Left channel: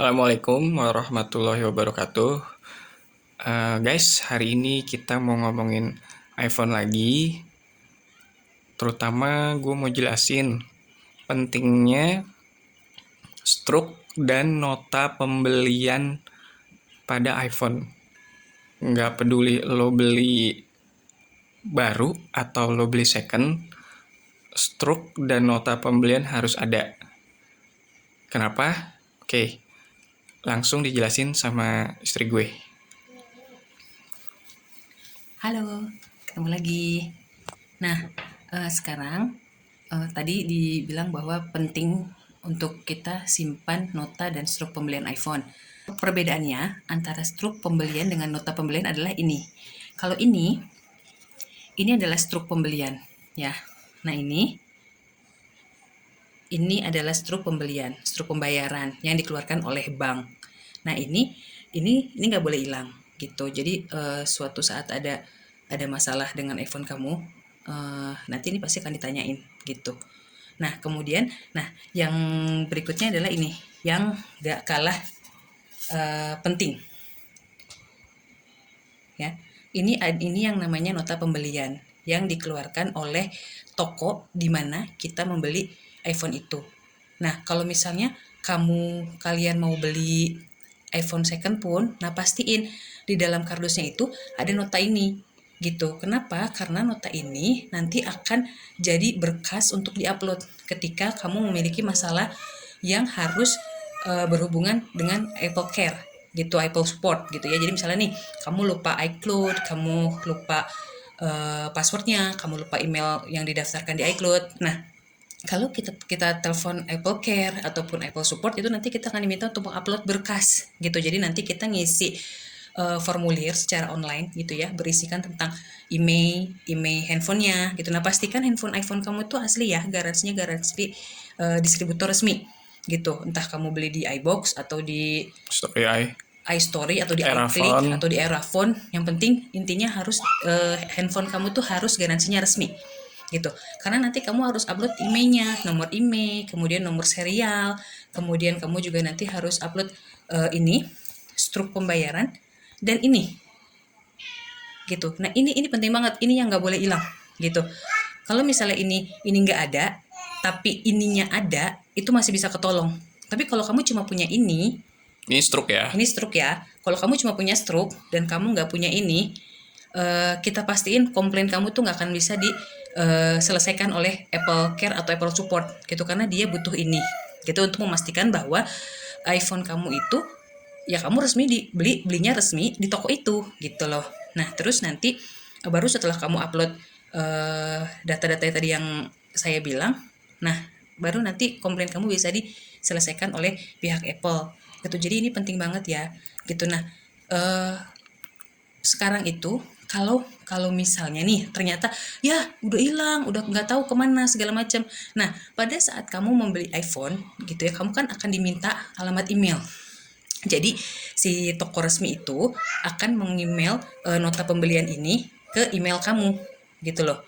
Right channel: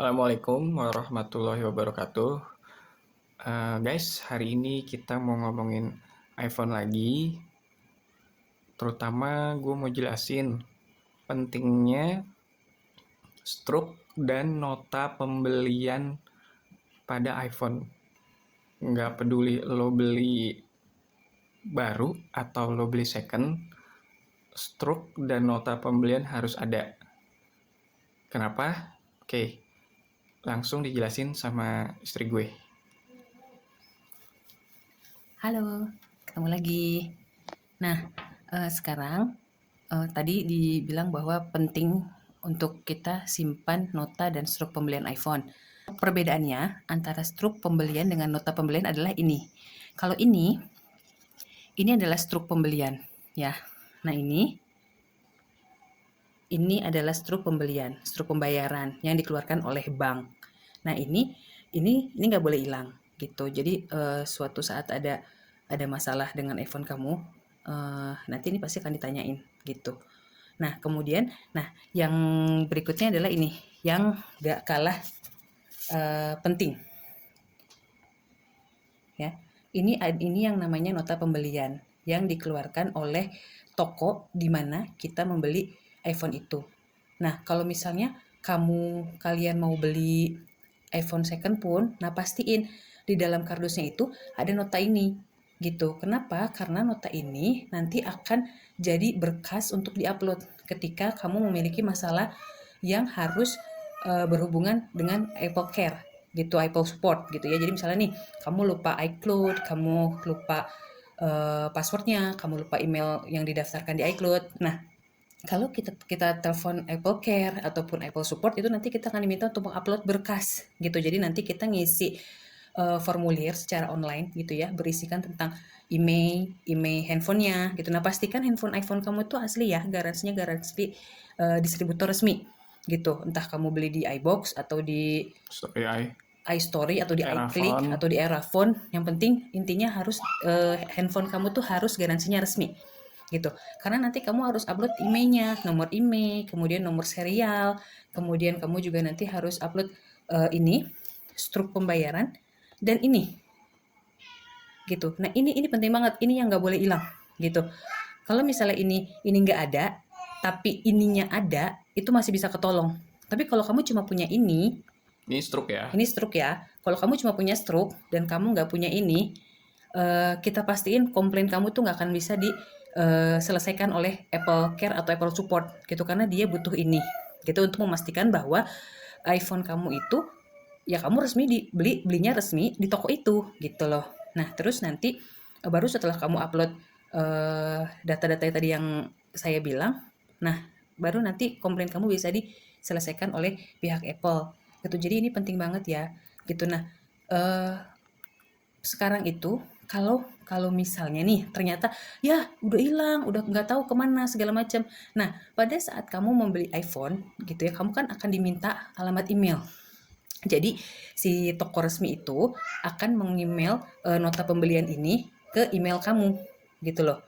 Assalamualaikum warahmatullahi wabarakatuh. Guys, hari ini kita mau ngomongin iPhone lagi. Terutama gue mau jelasin pentingnya struk dan nota pembelian pada iPhone. Nggak peduli lo beli baru atau lo beli second, struk dan nota pembelian harus ada. Kenapa? Oke, langsung dijelasin sama istri gue. Halo, ketemu lagi. Nah, sekarang tadi dibilang bahwa penting untuk kita simpan nota dan struk pembelian iPhone. Perbedaannya antara struk pembelian dengan nota pembelian adalah ini. Kalau ini adalah struk pembelian, ya. Nah, ini adalah struk pembelian, struk pembayaran yang dikeluarkan oleh bank. Nah, ini nggak boleh hilang gitu. Jadi suatu saat ada masalah dengan iPhone kamu, nanti ini pasti akan ditanyain gitu. Nah, kemudian, yang berikutnya adalah ini yang nggak kalah penting, ya. Ini yang namanya nota pembelian yang dikeluarkan oleh toko di mana kita membeli iPhone itu. Nah, kalau misalnya kalian mau beli iPhone second pun, nah pastiin di dalam kardusnya itu ada nota ini gitu. Kenapa? Karena nota ini nanti akan jadi berkas untuk diupload ketika kamu memiliki masalah yang harus berhubungan dengan Apple Care gitu, Apple Support gitu ya. Jadi misalnya nih, kamu lupa iCloud, kamu lupa passwordnya, kamu lupa email yang didaftarkan di iCloud. Nah, kalau kita telepon Apple Care ataupun Apple Support, itu nanti kita akan diminta untuk mengupload berkas gitu. Jadi nanti kita ngisi formulir secara online gitu ya, berisikan tentang email handphonenya gitu. Nah, pastikan handphone iPhone kamu tuh asli ya, garansinya garansi distributor resmi gitu. Entah kamu beli di iBox atau di Story iStory atau di iClick iPhone. atau di Erafone. Yang penting intinya harus handphone kamu tuh harus garansinya resmi gitu. Karena nanti kamu harus upload emailnya, nomor email, kemudian nomor serial, kemudian kamu juga nanti harus upload ini struk pembayaran dan ini gitu. Nah, ini penting banget, ini yang nggak boleh hilang gitu. Kalau misalnya ini nggak ada tapi ininya ada, itu masih bisa ketolong. Tapi kalau kamu cuma punya Ini struk ya. ini struk ya. Kalau kamu cuma punya struk dan kamu nggak punya ini, kita pastiin komplain kamu tuh nggak akan bisa diselesaikan oleh Apple Care atau Apple Support gitu, karena dia butuh ini gitu untuk memastikan bahwa iPhone kamu itu ya kamu resmi belinya resmi di toko itu gitu loh. Nah, terus nanti baru setelah kamu upload data-data tadi yang saya bilang, nah baru nanti komplain kamu bisa diselesaikan oleh pihak Apple gitu. Jadi ini penting banget ya gitu. Nah, sekarang itu kalau kalau misalnya nih ternyata ya udah hilang, udah nggak tahu kemana segala macam. Nah, pada saat kamu membeli iPhone gitu ya, kamu kan akan diminta alamat email. Jadi si toko resmi itu akan mengemail nota pembelian ini ke email kamu gitu loh.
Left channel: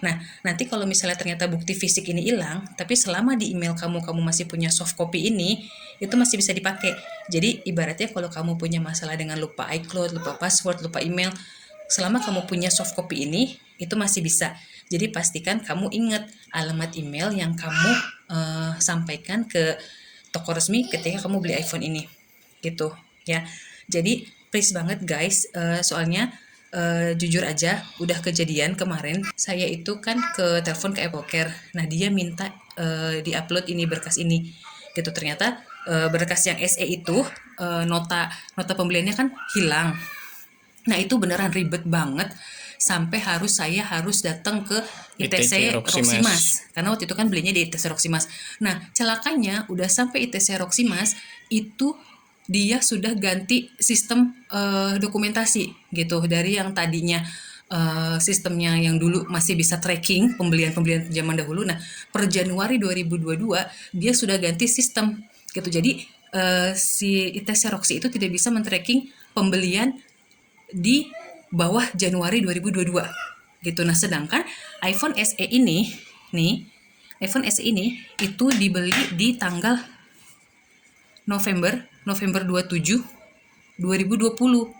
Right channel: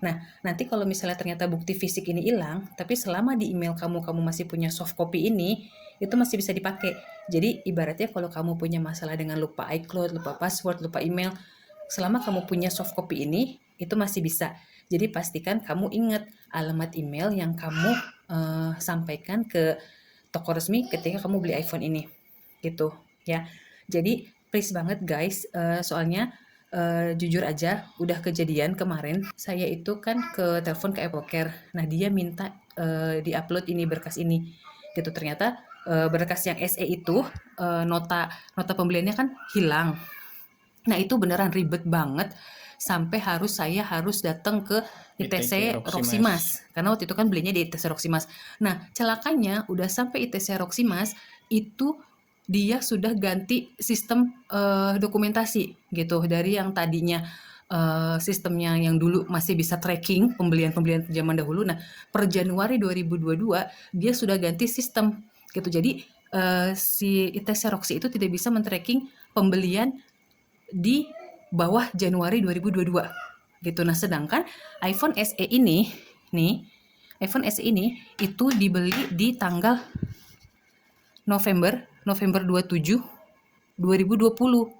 Nah, nanti kalau misalnya ternyata bukti fisik ini hilang, tapi selama di email kamu masih punya soft copy ini, itu masih bisa dipakai. Jadi ibaratnya kalau kamu punya masalah dengan lupa iCloud, lupa password, lupa email, selama kamu punya soft copy ini, itu masih bisa. Jadi pastikan kamu ingat alamat email yang kamu sampaikan ke toko resmi ketika kamu beli iPhone ini gitu ya. Jadi please banget guys, soalnya jujur aja udah kejadian kemarin, saya itu kan ke telepon ke Apple Care. Nah, dia minta diupload ini berkas ini gitu. Ternyata berkas yang SE itu nota nota pembeliannya kan hilang. Nah, itu beneran ribet banget sampai saya harus datang ke ITC Roximas karena waktu itu kan belinya di ITC Roximas. Nah, celakanya udah sampai ITC Roximas itu dia sudah ganti sistem dokumentasi gitu, dari yang tadinya sistemnya yang dulu masih bisa tracking pembelian zaman dahulu. Nah, per Januari 2022 dia sudah ganti sistem gitu. Jadi si ITC Roxy itu tidak bisa men-tracking pembelian di bawah Januari 2022 gitu. Nah, sedangkan iPhone SE ini nih, iPhone SE ini itu dibeli di tanggal November 27 2020.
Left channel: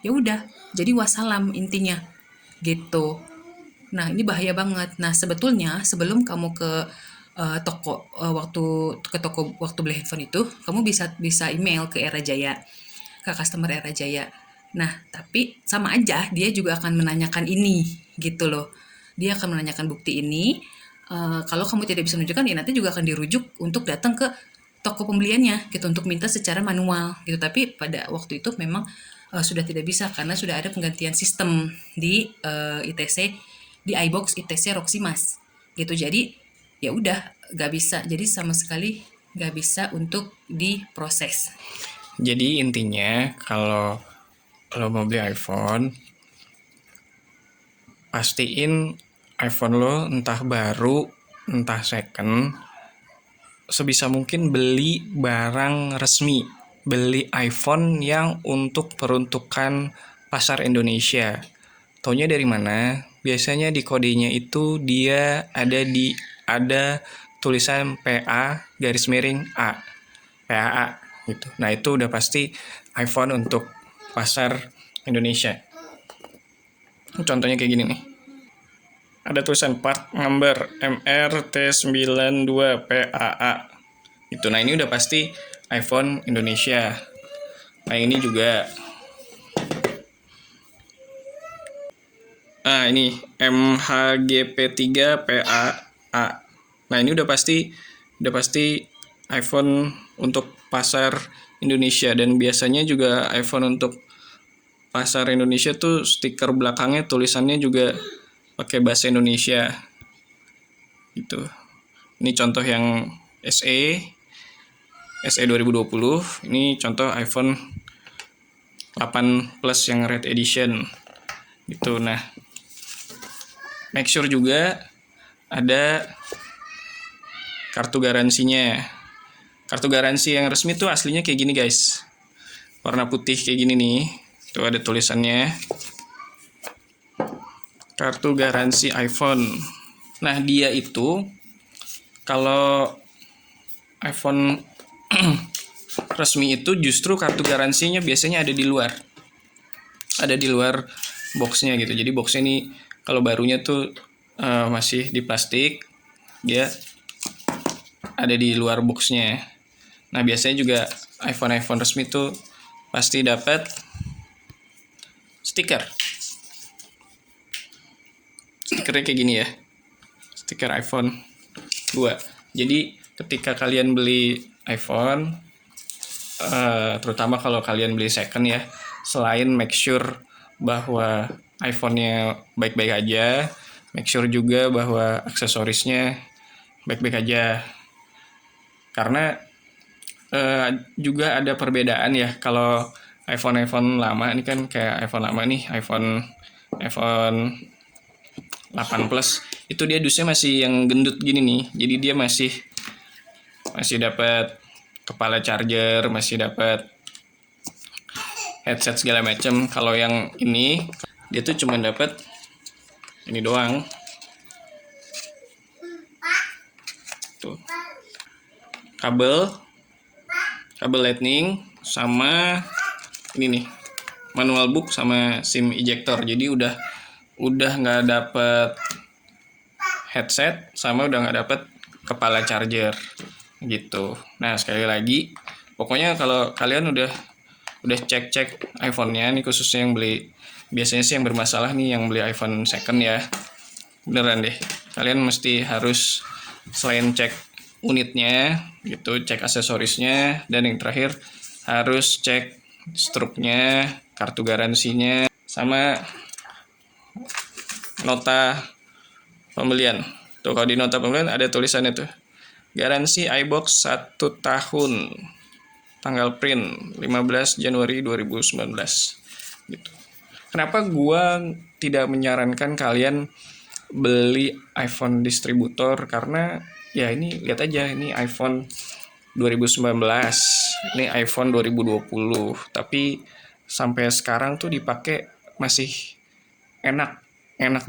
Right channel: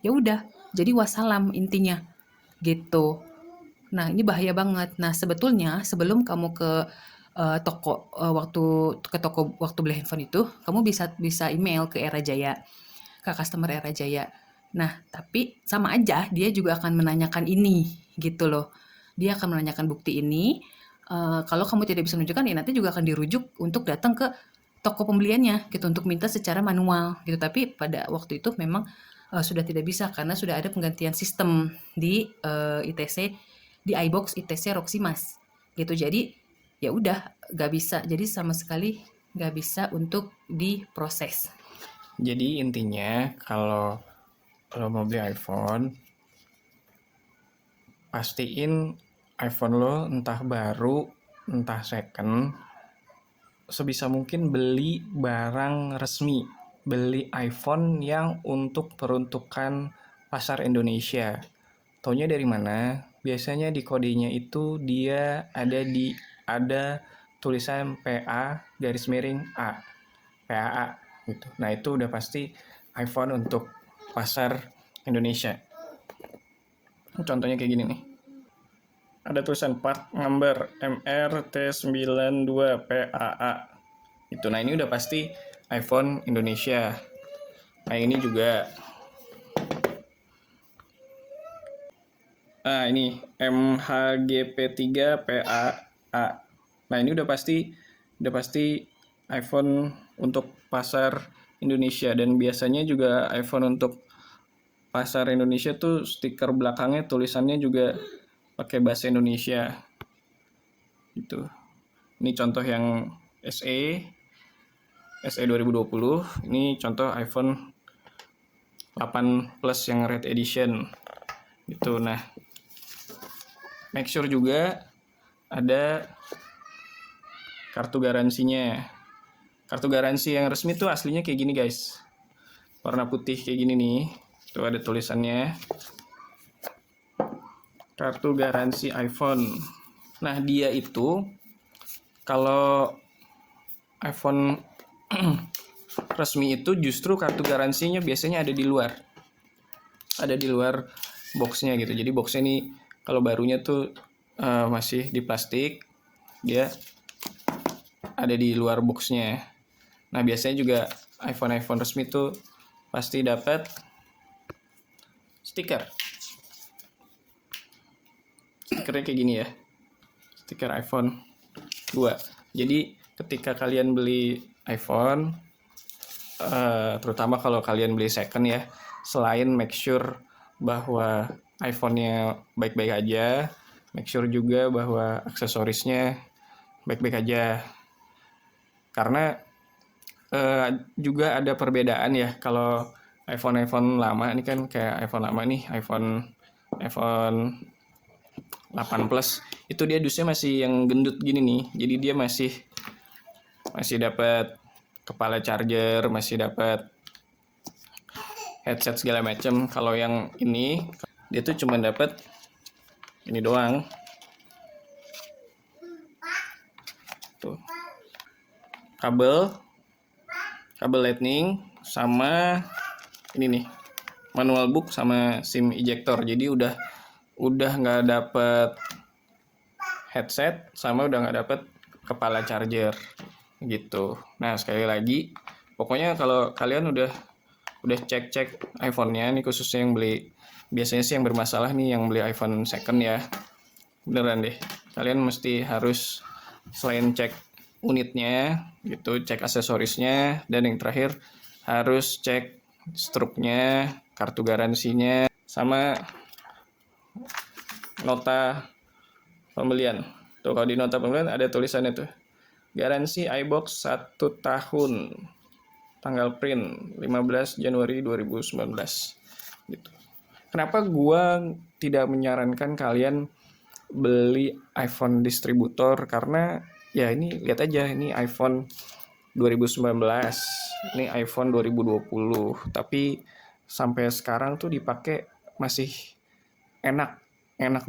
Ya udah, jadi wassalam intinya gitu. Nah, ini bahaya banget. Nah, sebetulnya sebelum kamu ke toko waktu beli handphone itu, kamu bisa bisa email ke Era Jaya, ke customer Era Jaya. Nah, tapi sama aja dia juga akan menanyakan ini gitu loh. Dia akan menanyakan bukti ini. Kalau kamu tidak bisa menunjukkan, ya nanti juga akan dirujuk untuk datang ke toko pembeliannya gitu untuk minta secara manual gitu. Tapi pada waktu itu memang sudah tidak bisa karena sudah ada penggantian sistem di ITC, di iBox ITC Roximas gitu. Jadi ya udah nggak bisa, jadi sama sekali nggak bisa untuk diproses. Jadi intinya kalau mau beli iPhone, pastiin iPhone lo entah baru, entah second, sebisa mungkin beli barang resmi. Beli iPhone yang untuk peruntukan pasar Indonesia. Taunya dari mana? Biasanya di kodenya itu dia ada tulisan PA garis miring A. PAA gitu. Nah, itu udah pasti iPhone untuk pasar Indonesia. Contohnya kayak gini nih. Ada tulisan part number MRT92 PAA. Itu. Nah, ini udah pasti iPhone Indonesia. Nah, ini juga. Nah, ini MHGP3 PAA. Nah, ini udah pasti iPhone untuk pasar Indonesia, dan biasanya juga iPhone untuk pasar Indonesia tuh stiker belakangnya tulisannya juga pakai bahasa Indonesia gitu. Ini contoh yang SE 2020. Ini contoh iPhone 8 Plus yang Red Edition gitu. Nah, make sure juga ada kartu garansinya. Kartu garansi yang resmi tuh aslinya kayak gini guys, warna putih kayak gini nih. Tuh ada tulisannya, kartu garansi iPhone. Nah, dia itu kalau iPhone resmi itu justru kartu garansinya biasanya ada di luar. Ada di luar boxnya gitu. Jadi boxnya ini kalau barunya tuh masih di plastik, dia ada di luar boxnya. Nah, biasanya juga iPhone resmi tuh pasti dapat stiker. Stikernya kayak gini ya. Stiker iPhone 2. Jadi ketika kalian beli iPhone, terutama kalau kalian beli second ya, selain make sure bahwa iPhone-nya baik-baik aja, make sure juga bahwa aksesorisnya baik-baik aja. Karena juga ada perbedaan ya. Kalau iPhone lama ini kan kayak iPhone lama nih, iPhone 8 Plus itu dia dusnya masih yang gendut gini nih. Jadi dia masih dapat kepala charger, masih dapat headset segala macam. Kalau yang ini dia tuh cuma dapat ini doang. Tuh. Kabel lightning sama ini nih, manual book sama SIM ejector. Jadi udah nggak dapet headset sama udah nggak dapet kepala charger gitu. Nah, sekali lagi, pokoknya kalau kalian udah cek iPhone-nya nih, khususnya yang beli, biasanya sih yang bermasalah nih yang beli iPhone second ya, beneran deh, kalian mesti harus selain cek unitnya gitu, cek aksesorisnya, dan yang terakhir harus cek struknya, kartu garansinya, sama nota pembelian. Tuh, kalau di nota pembelian ada tulisannya tuh, garansi iBox 1 tahun, tanggal print 15 Januari 2019 gitu. Kenapa gua tidak menyarankan kalian beli iPhone distributor? Karena ya ini lihat aja, ini iPhone 2019, ini iPhone 2020, tapi sampai sekarang tuh dipakai masih enak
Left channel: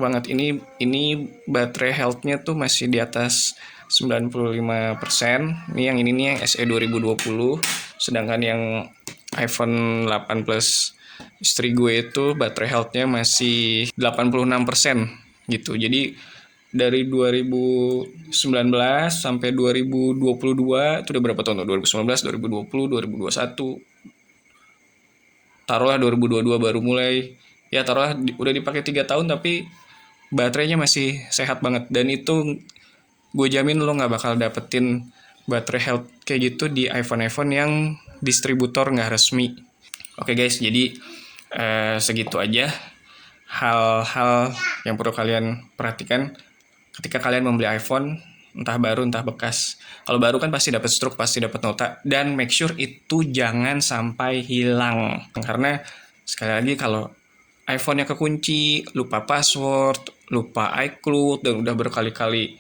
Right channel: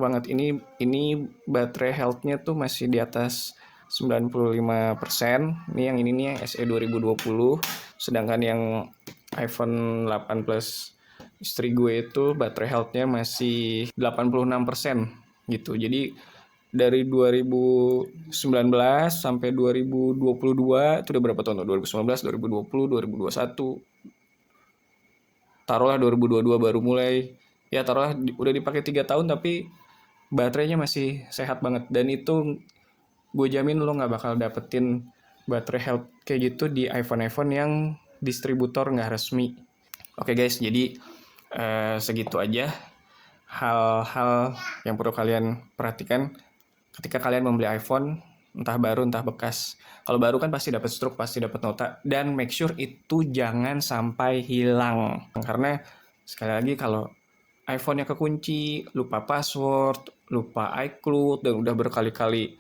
banget. Ini baterai health-nya tuh masih di atas 95%. Ini yang nih yang SE 2020. Sedangkan yang iPhone 8 Plus istri gue itu baterai health-nya masih 86% gitu. Jadi dari 2019 sampai 2022 itu udah berapa tahun tuh? 2019, 2020, 2021. Taruhlah 2022 baru mulai. Ya taruhlah udah dipakai 3 tahun tapi baterainya masih sehat banget. Dan itu gue jamin lo nggak bakal dapetin baterai health kayak gitu di iPhone yang distributor nggak resmi. Oke guys, jadi segitu aja hal-hal yang perlu kalian perhatikan ketika kalian membeli iPhone, entah baru entah bekas. Kalau baru kan pasti dapat stroke, pasti dapat nota, dan make sure itu jangan sampai hilang. Karena sekali lagi kalau iPhone-nya kekunci, lupa password, lupa iCloud, dan udah berkali-kali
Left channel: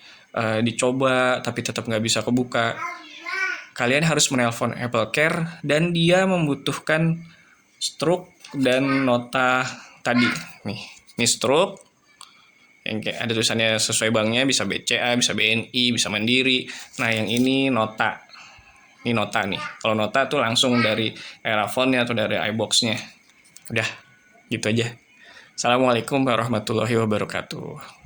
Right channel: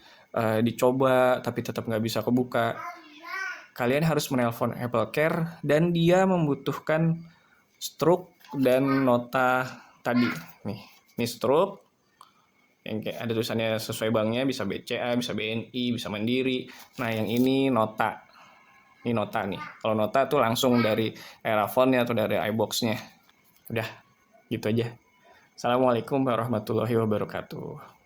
dicoba tapi tetap nggak bisa kebuka, kalian harus menelpon Apple Care dan dia membutuhkan stroke dan nota tadi. Nih stroke yang kayak ada tulisannya sesuai banknya, bisa BCA, bisa BNI, bisa Mandiri. Nah yang ini nota. Ini nota nih. Kalau nota tuh langsung dari Erafone-nya atau dari iBox-nya. Udah, gitu aja. Assalamualaikum warahmatullahi wabarakatuh.